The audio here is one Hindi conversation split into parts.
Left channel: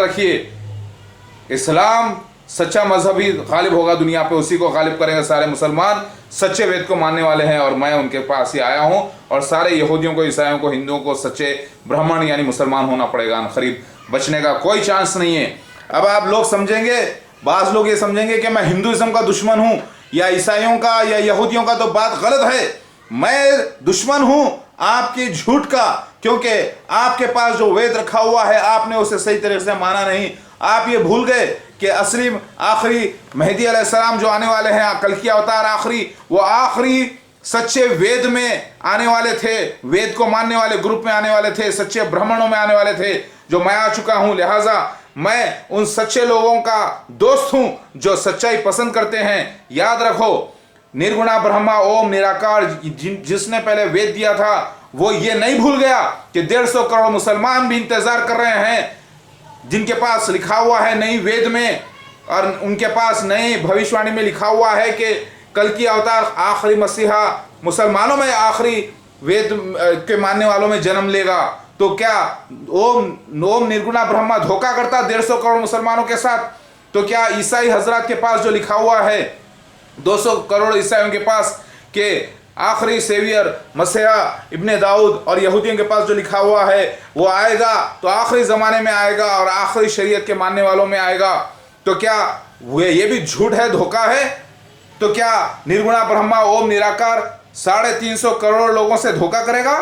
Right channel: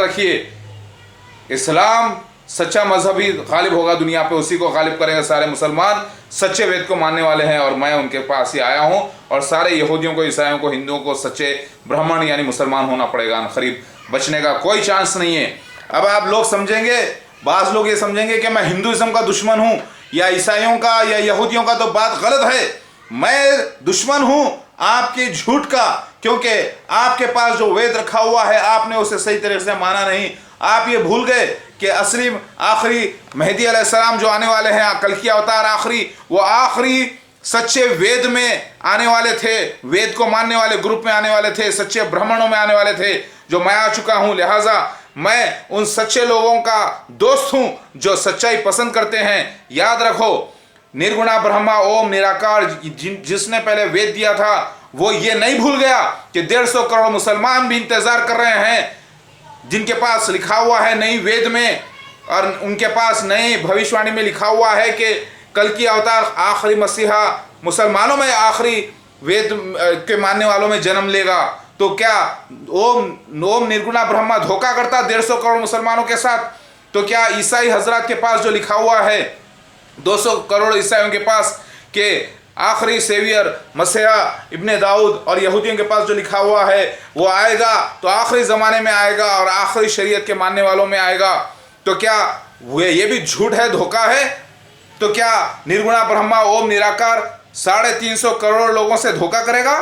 याद रखिए, इस्लाम सच्चा मजहब ही गालिब होगा दुनिया पे, उसी को गालिब करेंगे सारे मुसलमान सच्चे वेद को मानने वाले हैं। और मैं उनके पास ही आया हूँ, और सारे यहूदियों को, ईसाइयों को, हिंदुओं को सच्चे ब्राह्मण यानी मुसलमान होना पड़ेगा, करीब बचने का कोई चांस नहीं है। अब आप लोग समझेंगे, बाज़ लोग ये समझेंगे कि मैं हिंदुइज्म का दुश्मन हूँ या ईसाइयों का या यहूदियों का, तो बात गलत है। मैं दुश्मन हूँ आपकी झूठ का, क्योंकि आपके पास जो वेद रखा हुआ है आपने उसे सही तरीके से माना नहीं। आप ये भूल गए कि असली आखिरी मेहदी अलैहिस्सलाम जो आने वाले हैं, कल की अवतार आखिरी, वो आखिरी सच्चे वेद में आने वाले थे, वेद को मानने वाले ग्रुप में आने वाले थे, सच्चे ब्राह्मणों में आने वाले थे, जो मैं आ चुका हूँ। लिहाजा मैं उन सच्चे लोगों का दोस्त हूँ जो सच्चाई पसंद करते हैं। याद रखो, निर्गुणा ब्रह्मा ओम निराकार जिसने पहले वेद दिया था, वो ये नहीं भूल गया कि 150 करोड़ मुसलमान भी इंतजार कर रहे हैं, जिनके पास लिखा हुआ है नई वेद में, और उनके पास नई भविष्यवाणी में लिखा हुआ है कि कल की अवतार आखिरी मसीहा मुसलमानों में, आखिरी वेद के मानने वालों में जन्म लेगा। तो क्या ओम निर्गुणा ब्रह्मा धोखा करता 150 करोड़ मुसलमानों के साथ? तो क्या ईसाई हजरत के पास जो लिखा हुआ है 200 करोड़ ईसाइयों के पास के आखिरी सेवियर मसीहा इब्ने दाऊद, और यहूदियों के पास जो लिखा हुआ है वो आएगा तो आखिरी ज़माने में आएगा और आखिरी शरीयत के मानने वालों में आएगा? तो क्या ये भी झूठ है, धोखा है? तो क्या निर्गुणा ब्रह्मा ओम निराकार 350 करोड़ लोगों से धोखा करेगा?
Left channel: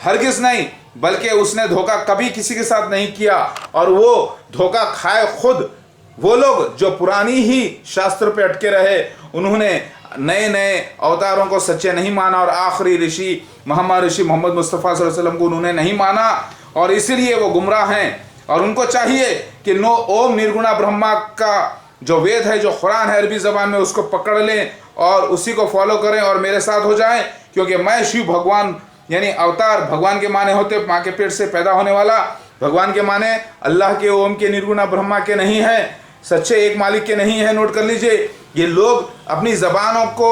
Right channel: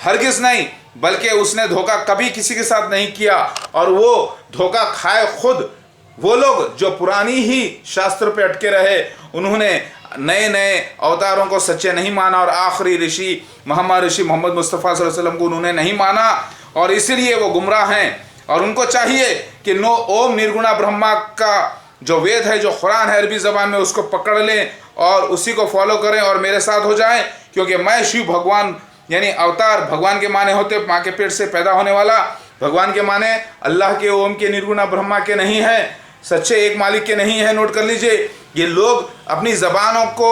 हरगिज़ नहीं, बल्कि उसने धोखा कभी किसी के साथ नहीं किया, और वो धोखा खाए खुद वो लोग जो पुरानी ही शास्त्र पे अटके रहे। उन्होंने नए नए अवतारों को सच्चे नहीं माना, और आखिरी ऋषि मोहम्मद मुस्तफ़ा सल्लल्लाहु अलैहि वसल्लम को उन्होंने नहीं माना, और इसीलिए वो गुमराह हैं। और उनको चाहिए कि ओम निर्गुणा ब्रह्मा का जो वेद है, जो कुरान है अरबी ज़बान में, उसको पकड़ लें और उसी को फॉलो करें और मेरे साथ हो जाएं, क्योंकि मैं शिव भगवान यानी अवतार, भगवान के माने होते माँ के पेट से पैदा होने वाला, भगवान के माने अल्लाह के, ओम के, निर्गुणा ब्रह्मा के नहीं है, सच्चे एक मालिक के नहीं है। नोट कर लीजिए, ये लोग अपनी ज़बानों को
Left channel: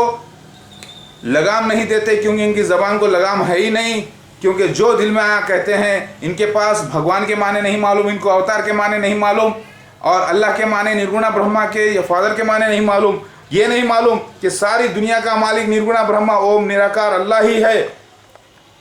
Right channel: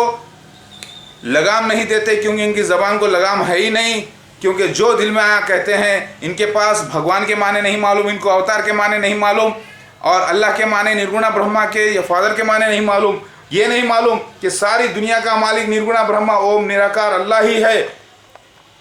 लगाम नहीं देते, क्योंकि इनकी ज़बान को लगाम है ही नहीं, क्योंकि जो दिल में आया कहते हैं। इनके पास भगवान के माने नहीं मालूम, इनको अवतार के माने नहीं मालूम, और अल्लाह के माने, निर्गुणा ब्रह्मा के या फादर के माने नहीं मालूम। ये नहीं मालूम कि सारी दुनिया का मालिक निर्गुणा ब्रह्मा ओम निराकार अल्लाह ही है,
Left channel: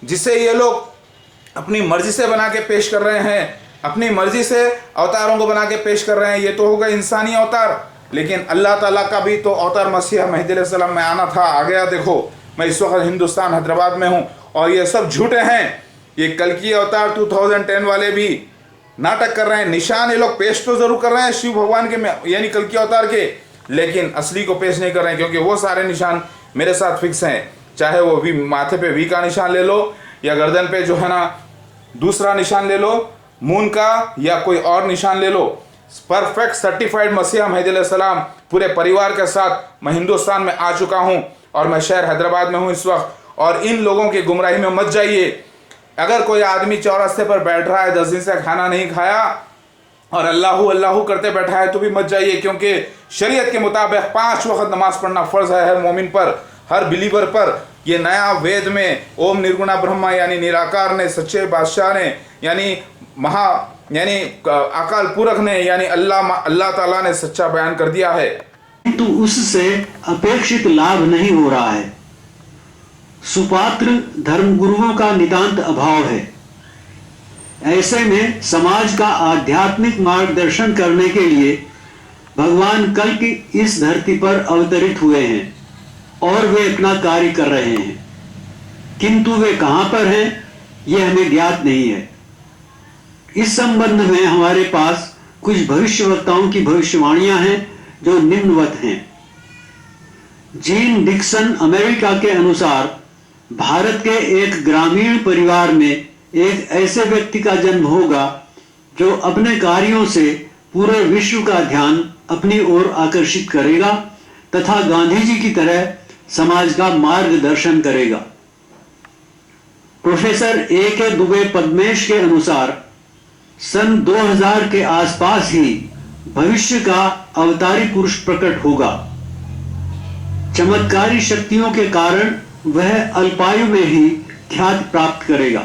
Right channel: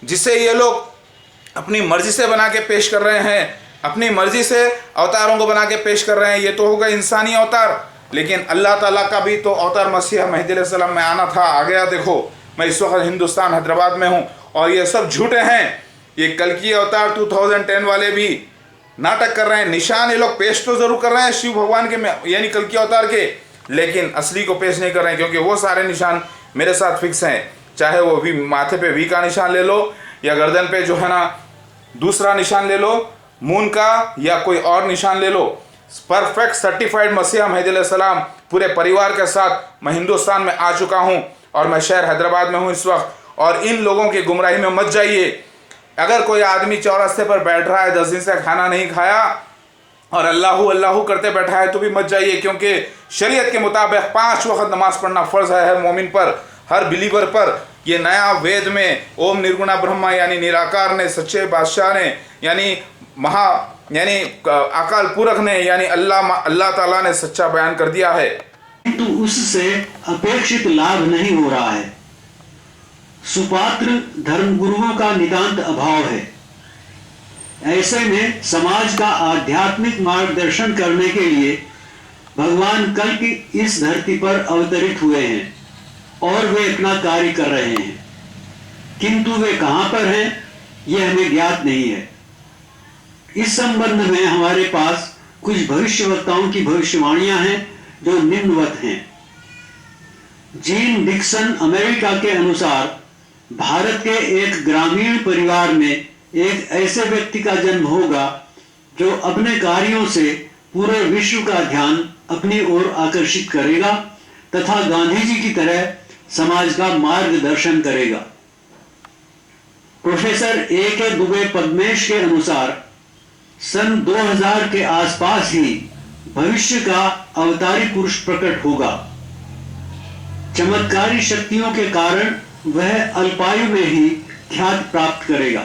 जिसे ये लोग अपनी मर्जी से बना के पेश कर रहे हैं, अपनी मर्जी से अवतारों को बना के पेश कर रहे हैं। ये तो होगा इंसानी अवतार, लेकिन अल्लाह ताला का भी तो अवतार मसीह मेहदी अलैहिस्सलाम में आना था, आ गया। देखो, मैं इस वक्त हिंदुस्तान हैदराबाद में हूँ, और ये सब झूठे हैं। ये कल की अवतार 2010 वाले भी नाटक कर रहे हैं, निशान ये लोग पेश तो ज़रूर कर रहे हैं शिव भगवान के यानी कल की अवतार के, लेकिन असली को पेश नहीं कर रहे हैं, क्योंकि वो सारे निशान मेरे साथ फिक्स हैं। चाहे वो भी माथे पे वी का निशान ले लो, या गर्दन पे जो है ना दूसरा निशान ले लो मून का, या कोई और निशान ले लो। परफेक्ट सर्टिफाइड मसीहा मेहदी अलैहिस्सलाम पूरे परिवार के साथ मैं हिंदुस्तान में आ चुका हूँ, और मैं शहर हैदराबाद में हूँ इस वक्त। और इन लोगों की गुमराही में मत जाइए। अगर कोई आदमी चौरास्ते पर बैठ रहा है, 10 दिन से खाना नहीं खाया और अल्लाहू अल्लाहू करते बैठा है, तो भी मत जाइए, क्योंकि शरीयत के मुताबिक 5 वक्त नमाज पढ़ना फ़र्ज़ है हर मोमिन पर, हर बिलीवर पर। ये नया वेद में ओम निर्गुणा ब्रह्मा यानी निराकार ने, सच्चे बादशाह ने, यानी यानी अकाल पुरख ने, यानी अल्लाह ताला ने सच्चा बयान कर दिया है। किंतु उससे अपेक्षित लाभ नहीं हो रहा है। सुपात्र धर्मगुरुओं का नितांत अभाव है। ऐसे में समाज का आध्यात्मिक मार्गदर्शन करने के लिए भगवान कल की इस धरती पर अवतरित हुए हैं, और वे अपना कार्य कर रहे हैं, किंतु वे कहां पर हैं यह हमें ज्ञात नहीं है। इस संबंध में हमारे पास कुछ भविष्यवक्ताओं की भविष्यवाणियां हैं जो निम्नवत हैं। जीन डिक्सन अमेरिका के अनुसार भारत के एक ग्रामीण परिवार में एक ऐसे व्यक्ति का जन्म होगा जो अपने कार्यों से पूरे विश्व का ध्यान अपनी ओर आकर्षित करेगा तथा गांधी जी की तरह समाज का मार्गदर्शन करेगा। Professor A.K. दुबे पद्मेश के अनुसार सन 2000 के आसपास ही भविष्य का अवतारी पुरुष प्रकट होगा। चमत्कारी शक्तियों के कारण वह अल्पायु में ही ख्याति प्राप्त करेगा।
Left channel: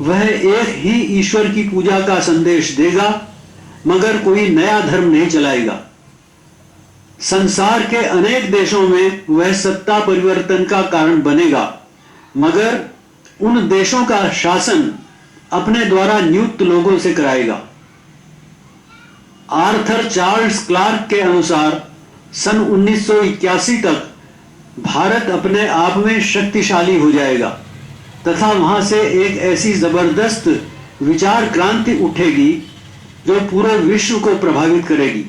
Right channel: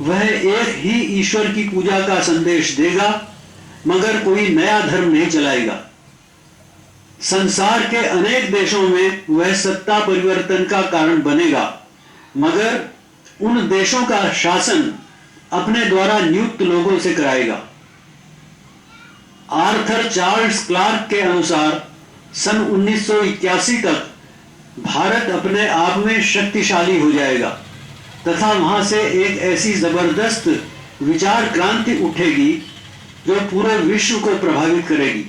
वह एक ही ईश्वर की पूजा का संदेश देगा मगर कोई नया धर्म नहीं चलाएगा। संसार के अनेक देशों में वह सत्ता परिवर्तन का कारण बनेगा, मगर उन देशों का शासन अपने द्वारा नियुक्त लोगों से कराएगा। आर्थर चार्ल्स क्लार्क के अनुसार सन 1981 तक भारत अपने आप में शक्तिशाली हो जाएगा तथा वहां से एक ऐसी जबरदस्त विचार क्रांति उठेगी जो पूरे विश्व को प्रभावित करेगी।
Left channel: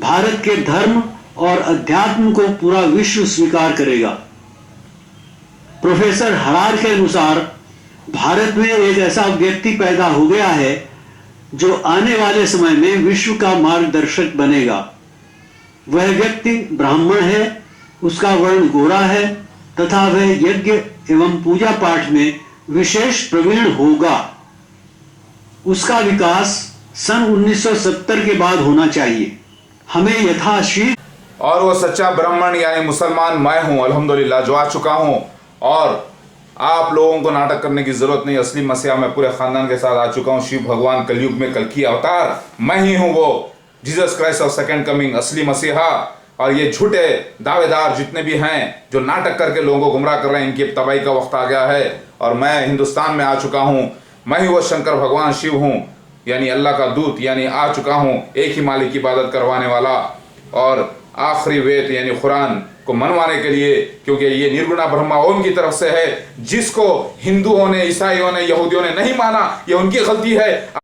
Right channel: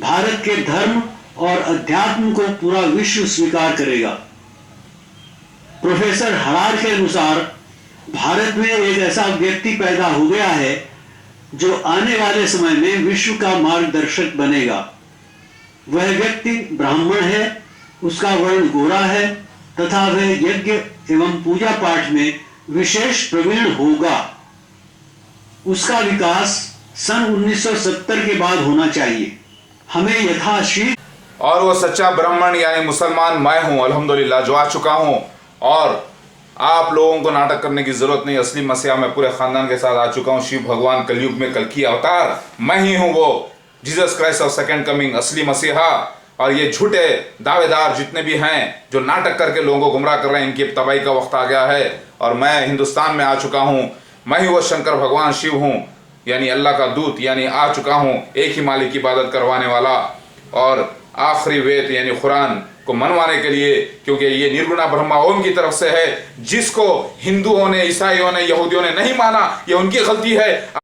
भारत के धर्म और अध्यात्म को पूरा विश्व स्वीकार करेगा। प्रोफेसर हरार के अनुसार भारत में एक ऐसा व्यक्ति पैदा हो गया है जो आने वाले समय में विश्व का मार्गदर्शक बनेगा। वह व्यक्ति ब्राह्मण है, उसका वर्ण गोरा है तथा वह यज्ञ एवं पूजा पाठ में विशेष प्रवीण होगा। उसका विकास सन 1970 के बाद होना चाहिए। हमें यथाशीघ्र और वो सच्चा ब्राह्मण यानी मुसलमान मैं हूँ, अल्हम्दुलिल्लाह, जो आ चुका हूँ। और आप लोगों को नाटक करने की जरूरत नहीं। असली मसीहा मैं पूरे खानदान के साथ आ चुका हूँ। शिव भगवान कलयुग में कल की अवतार मैं ही हूँ, वो Jesus Christ of second coming, असली मसीहा। और ये झूठे दावेदार जितने भी हैं जो नाटक करके लोगों को गुमराह कर रहे हैं, इनकी तबाही का वक्त आ गया है। और मैं हिंदुस्तान में आ चुका हूँ। मैं ही वो शंकर भगवान शिव हूँ, यानी अल्लाह का दूत, यानी आ चुका हूँ, एक ही मालिक की इबादत करवाने वाला और आखिरी वेद यानी कुरान को मनवाने के लिए, क्योंकि ये निर्गुणा ब्रह्मा ओम की तरफ से है। जिसको हिंदुओं ने, ईसाइयों ने, यहूदियों ने नहीं माना, ये उनकी गलती है।